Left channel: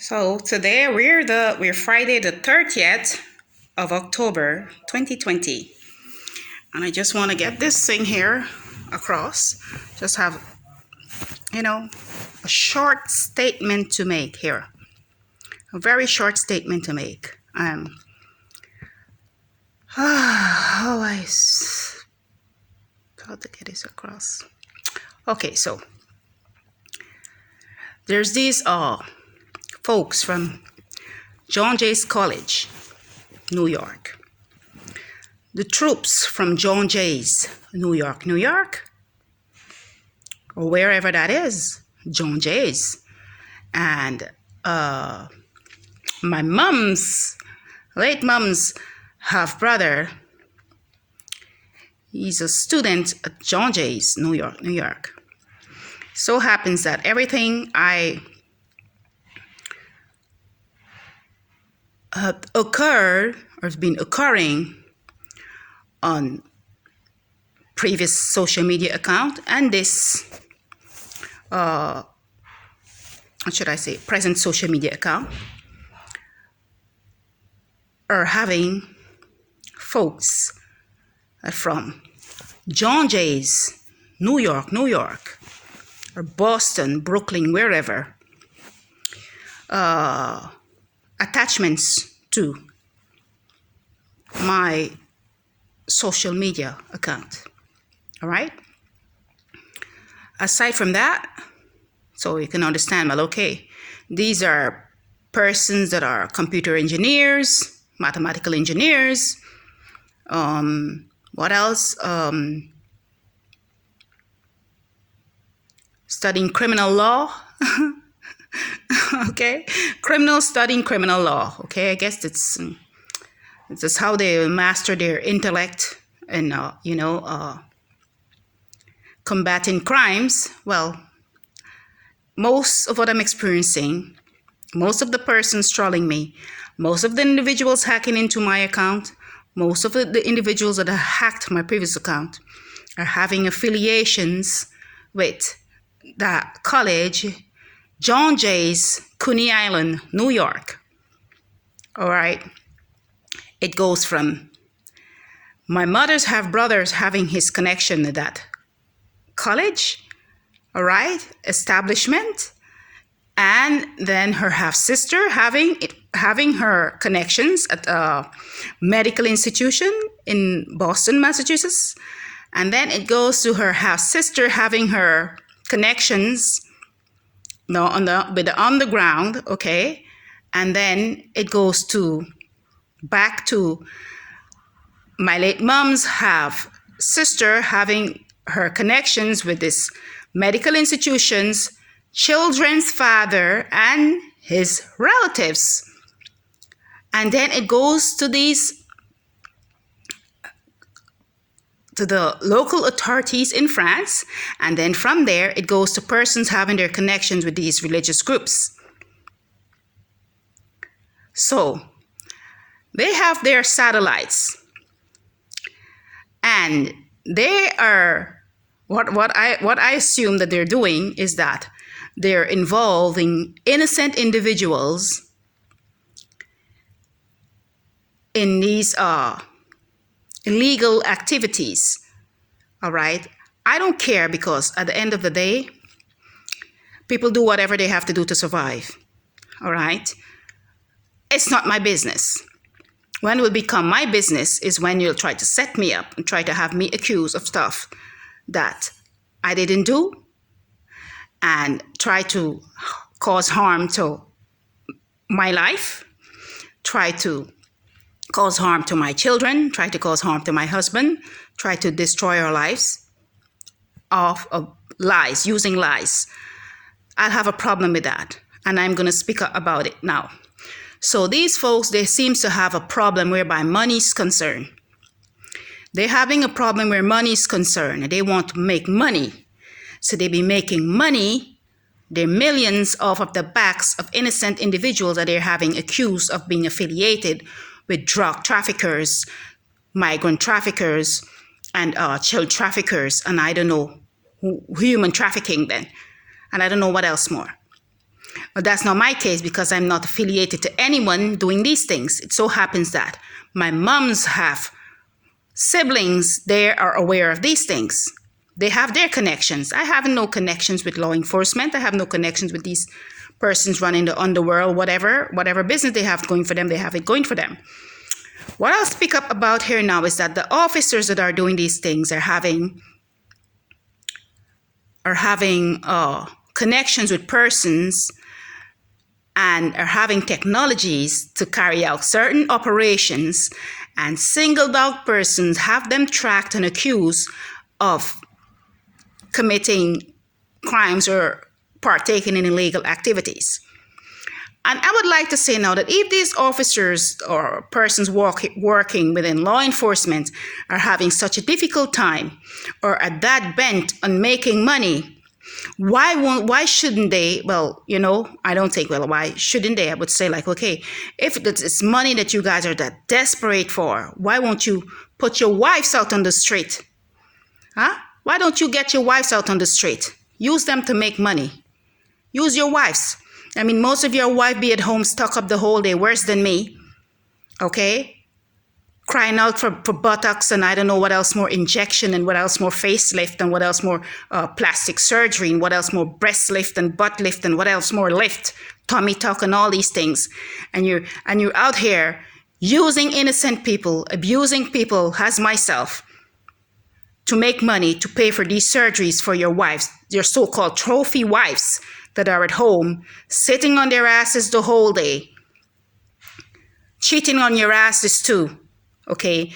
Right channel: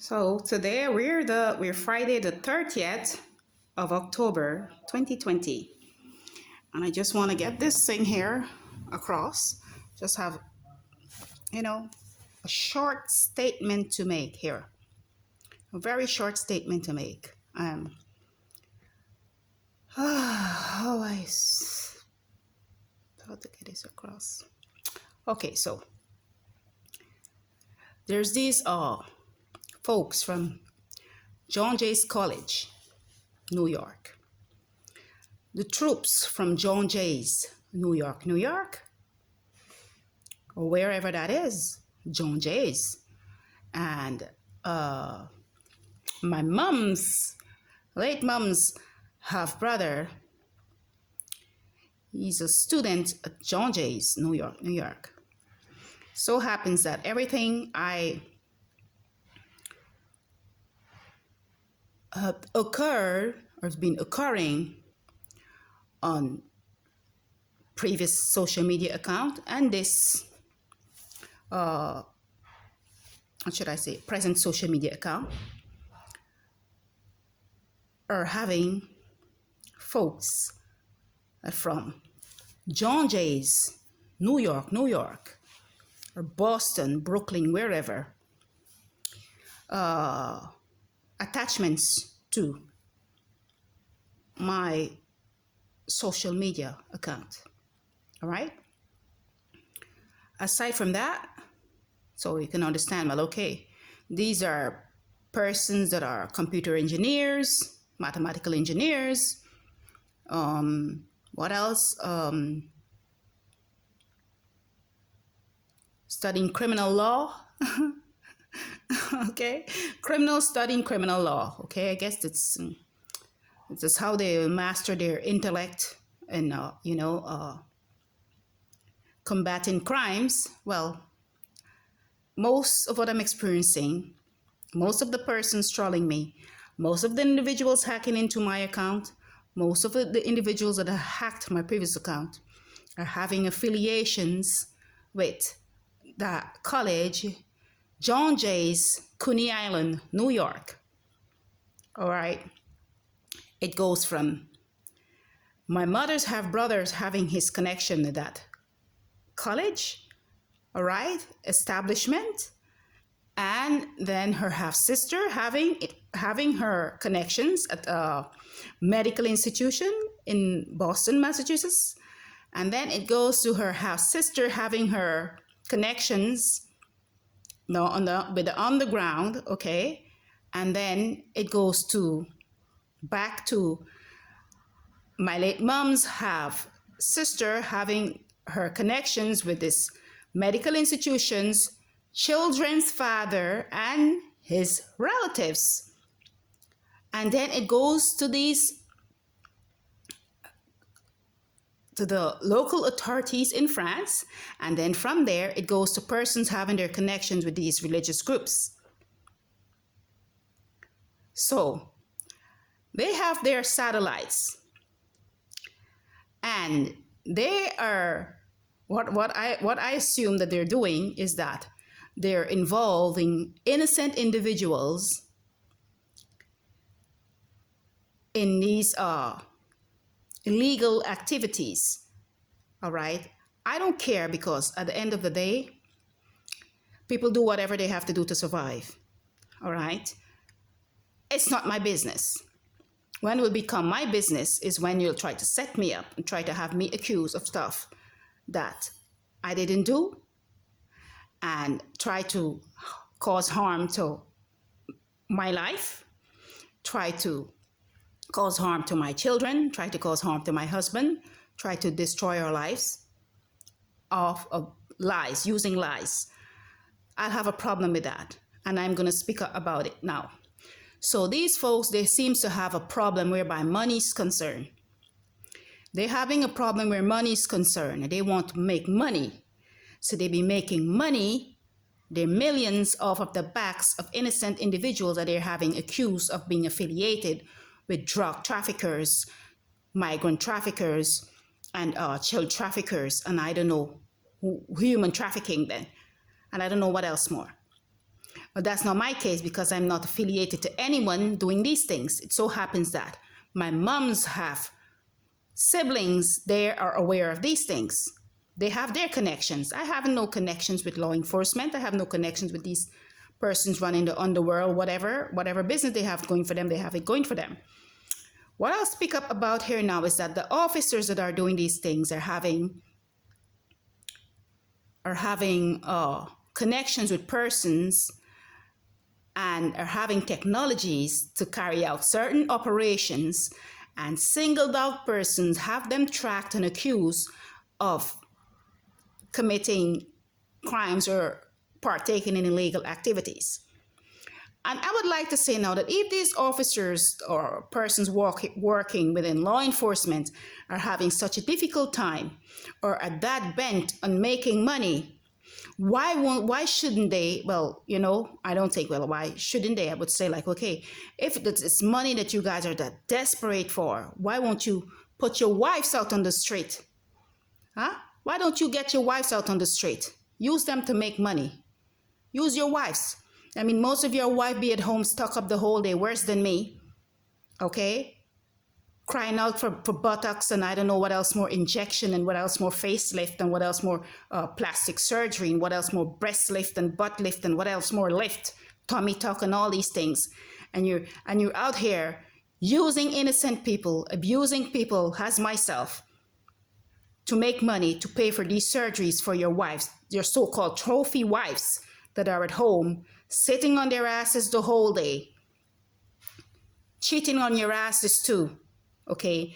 So today we're Friday the 30th of October 2020. And I just want to get this thing here across. Just have, a short statement to make here. A very short statement to make. How to get this across. Okay, so there's these folks from John Jay's College, New York. The troops from John Jay's, New York, or wherever that is, John Jay's. And my late mom's half brother, he's a student at John Jay's, New York. So happens that everything I had occurred or has been occurring on previous social media account and this present social media account are having folks from John Jay's, New York, or Boston, Brooklyn, wherever, attachments to my social media account. All right. Aside from that, so you can understand, well, okay, these are persons that are computer engineers, mathematical engineers. What else? Studying criminal law. Okay, studying criminal law. Okay, I guess it's just how they master their intellect and combating crimes. Well, most of what I'm experiencing, most of the persons trolling me, most of the individuals hacking into my account, most of the individuals that have hacked my previous account are having affiliations with that college, John Jay's, Coney Island, New York. All right. It goes from my mother's half brothers having his connection to that college, all right, establishment, and then her half sister having her connections at a medical institution in Boston, Massachusetts, and then it goes to her half sister having her connections, with the underground, okay, and then it goes back to my late mom's half sister having her connections with this medical institutions, children's father, and his relatives. And then it goes to the local authorities in France, and then from there it goes to persons having their connections with these religious groups. So they have their satellites, and they are what I assume that they're doing is that they're involving innocent individuals in these illegal activities. All right. I don't care, because at the end of the day, people do whatever they have to do to survive. All right. It's not my business. When it will become my business is when you'll try to set me up and try to have me accused of stuff that I didn't do and try to cause harm to my life, try to cause harm to my children, try to cause harm to my husband, try to destroy our lives of lies, using lies. I'll have a problem with that, and I'm going to speak about it now. So these folks, they seem to have a problem whereby money is concerned. They're having a problem where money is concerned. They want to make money. So they be making money, their millions, off of the backs of innocent individuals that they're having accused of being affiliated with drug traffickers, migrant traffickers, and child traffickers, and I don't know, human trafficking then. And I don't know what else more. But that's not my case because I'm not affiliated to anyone doing these things. It so happens that my moms have siblings, they are aware of these things. They have their connections. I have no connections with law enforcement. I have no connections with these persons running the underworld, whatever business they have going for them, they have it going for them. What I'll speak up about here now is that the officers that are doing these things are having connections with persons and are having technologies to carry out certain operations, and singled out persons, have them tracked and accused of committing crimes or partaking in illegal activities. And I would like to say now that if these officers or persons working within law enforcement are having such a difficult time or are that bent on making money, why shouldn't they? Well, I don't think, well, why shouldn't they? I would say, like, okay, if it's money that you guys are that desperate for, why won't you put your wives out on the street? Huh? Why don't you get your wives out on the street? Use them to make money. Use your wives. I mean, most of your wives be at home stuck up the whole day, worse than me. Okay? Crying out for buttocks and I don't know what else more injection and what else more facelift and what else more plastic surgery and what else more breast lift and butt lift and what else more lift, tummy tuck and all these things. And you're out here using innocent people, abusing people as myself to make money to pay for these surgeries for your wives, your so-called trophy wives that are at home sitting on their asses the whole day, cheating on your asses too. Okay,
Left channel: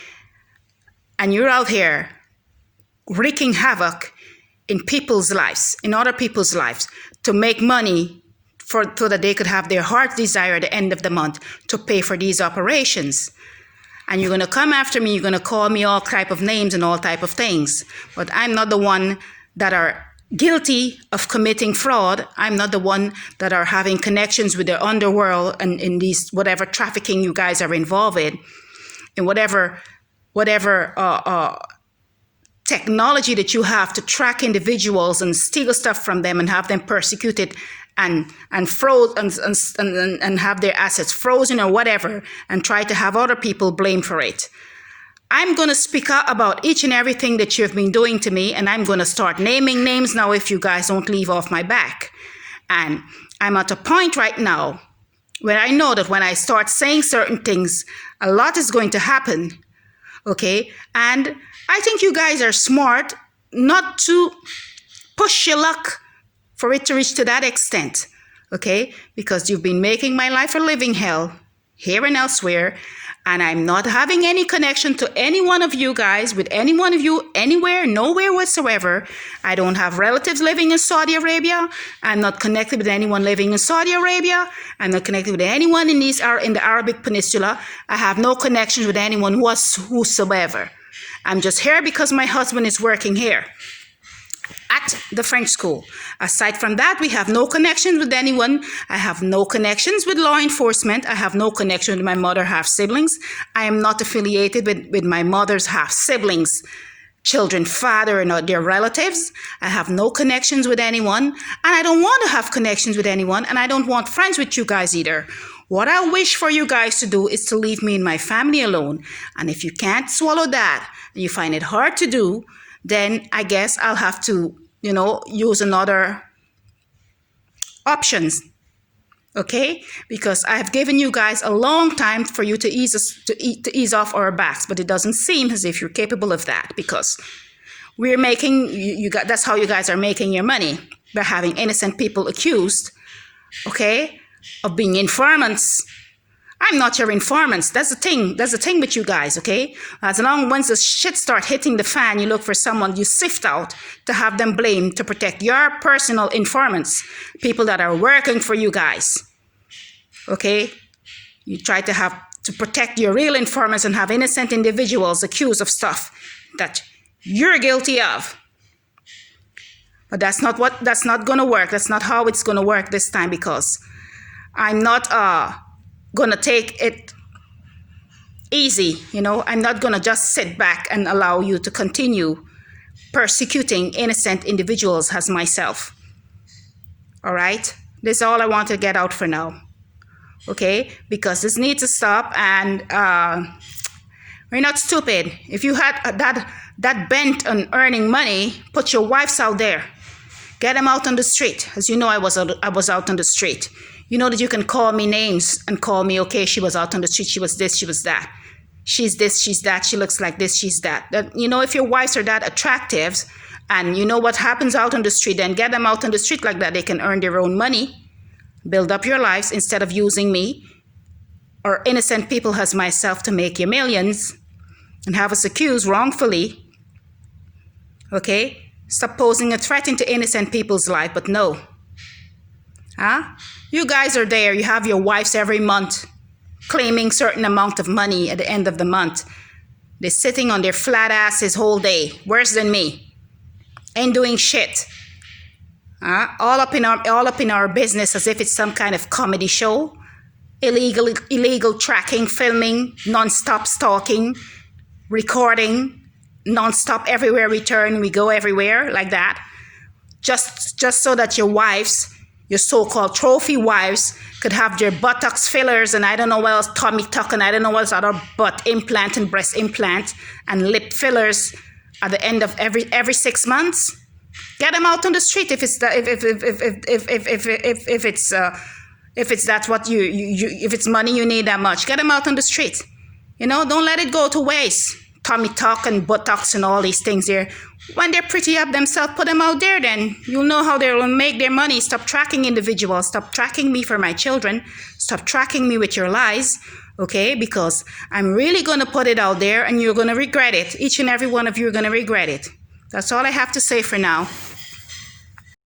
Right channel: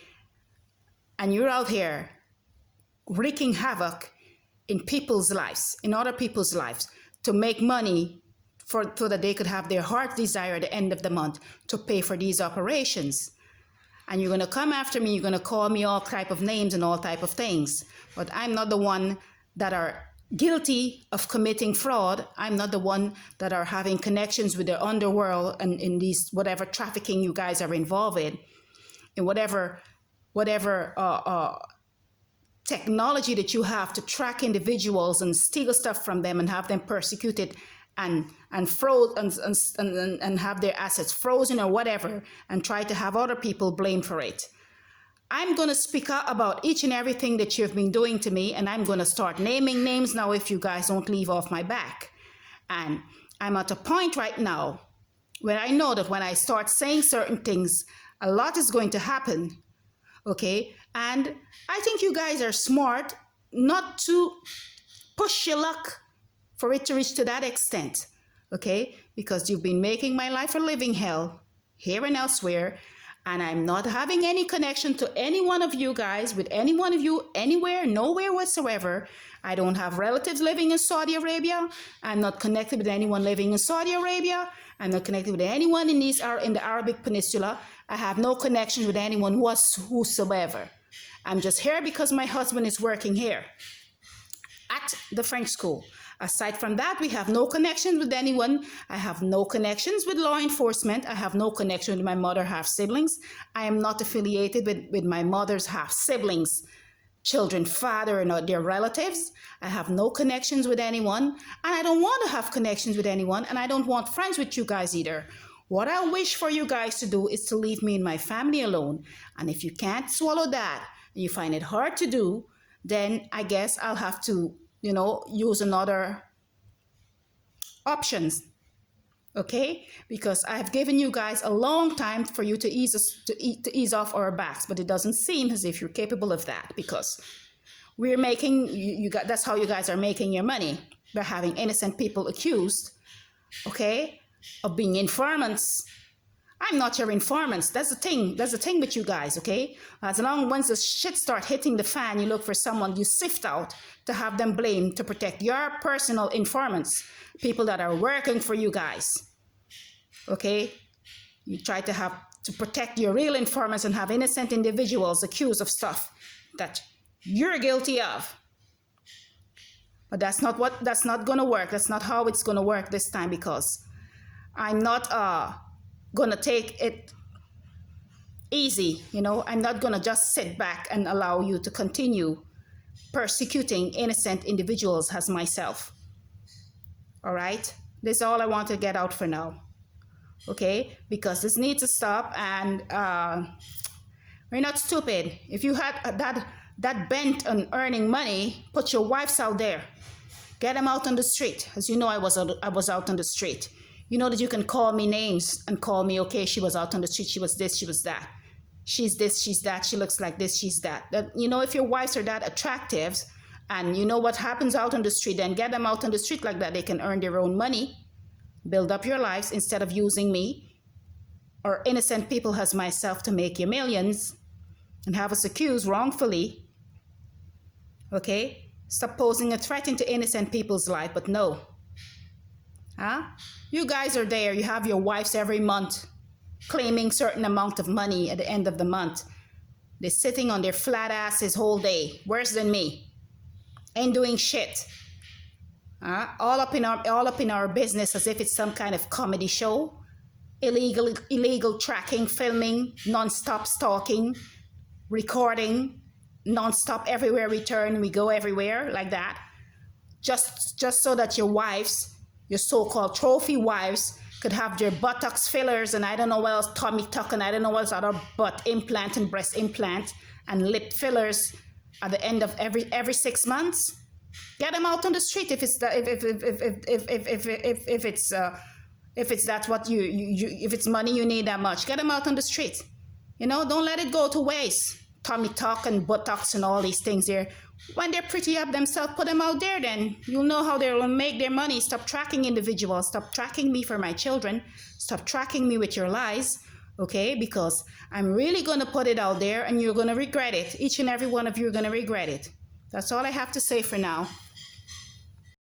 and you're out here wreaking havoc in people's lives, in other people's lives, to make money so that they could have their heart desire at the end of the month to pay for these operations. And you're going to come after me, you're going to call me all type of names and all type of things. But I'm not the one that are guilty of committing fraud. I'm not the one that are having connections with the underworld and in these whatever trafficking you guys are involved in whatever technology that you have to track individuals and steal stuff from them and have them persecuted and froze and have their assets frozen or whatever, and try to have other people blamed for it. I'm going to speak out about each and everything that you've been doing to me, and I'm going to start naming names now if you guys don't leave off my back. And I'm at a point right now where I know that when I start saying certain things, a lot is going to happen, okay? And I think you guys are smart not to push your luck for it to reach to that extent, okay? Because you've been making my life a living hell here and elsewhere, and I'm not having any connection to any one of you guys, with any one of you, anywhere, nowhere whatsoever. I don't have relatives living in Saudi Arabia. I'm not connected with anyone living in Saudi Arabia. I'm not connected with anyone in the Arabic Peninsula. I have no connections with anyone whosoever. I'm just here because my husband is working here at the French school. Aside from that, we have no connections with anyone. I have no connections with law enforcement. I have no connection with my mother half siblings. I am not affiliated with my mother's half siblings, children, father, and their relatives. I have no connections with anyone, and I don't want to have connections with anyone, and I don't want friends with you guys either. What I wish for you guys to do is to leave me and my family alone. And if you can't swallow that, and you find it hard to do, then I guess I'll have to, use another options, okay? Because I have given you guys a long time for you to ease off our backs, but it doesn't seem as if you're capable of that, because we're making that's how you guys are making your money, by having innocent people accused, okay, of being informants. I'm not your informants. That's the thing with you guys, okay? As long once the shit start hitting the fan, you look for someone you sift out to have them blamed to protect your personal informants, people that are working for you guys, okay? You try to protect your real informants and have innocent individuals accused of stuff that you're guilty of. But that's not going to work. That's not how it's going to work this time, because I'm not gonna take it easy, I'm not gonna just sit back and allow you to continue persecuting innocent individuals as myself. All right, This is all I want to get out for now. Okay, because this needs to stop, and we're not stupid. If you had that bent on earning money, put your wives out there. Get them out on the street. As you know, I was out on the street. You know that you can call me names and call me, okay, she was out on the street, she was this, she was that. She's this, she's that, she looks like this, she's that. You know, if your wives are that attractive and you know what happens out on the street, then get them out on the street like that. They can earn their own money, build up your lives instead of using me or innocent people as myself to make you millions and have us accused wrongfully. Okay? Stop posing a threat into innocent people's life, but no. Huh? You guys are there. You have your wives every month claiming certain amount of money at the end of the month. They're sitting on their flat asses whole day, worse than me. Ain't doing shit. All up in our business as if it's some kind of comedy show. Illegal tracking, filming, non-stop stalking, recording, non-stop everywhere we turn, we go everywhere like that. Just so that your wives, your so-called trophy wives, could have their buttocks fillers and I don't know what else, tummy tuck and I don't know what else, other butt implant and breast implant and lip fillers at the end of every 6 months. Get them out on the street if it's that, if it's that's what you if it's money you need that much. Get them out on the street. You know, don't let it go to waste. Tummy tuck and buttocks and all these things there. When they're pretty up themselves, put them out there then. You'll know how they'll make their money. Stop tracking individuals. Stop tracking me for my children. Stop tracking me with your lies. Okay? Because I'm really going to put it out there and you're going to regret it. Each and every one of you are going to regret it. That's all I have to say for now.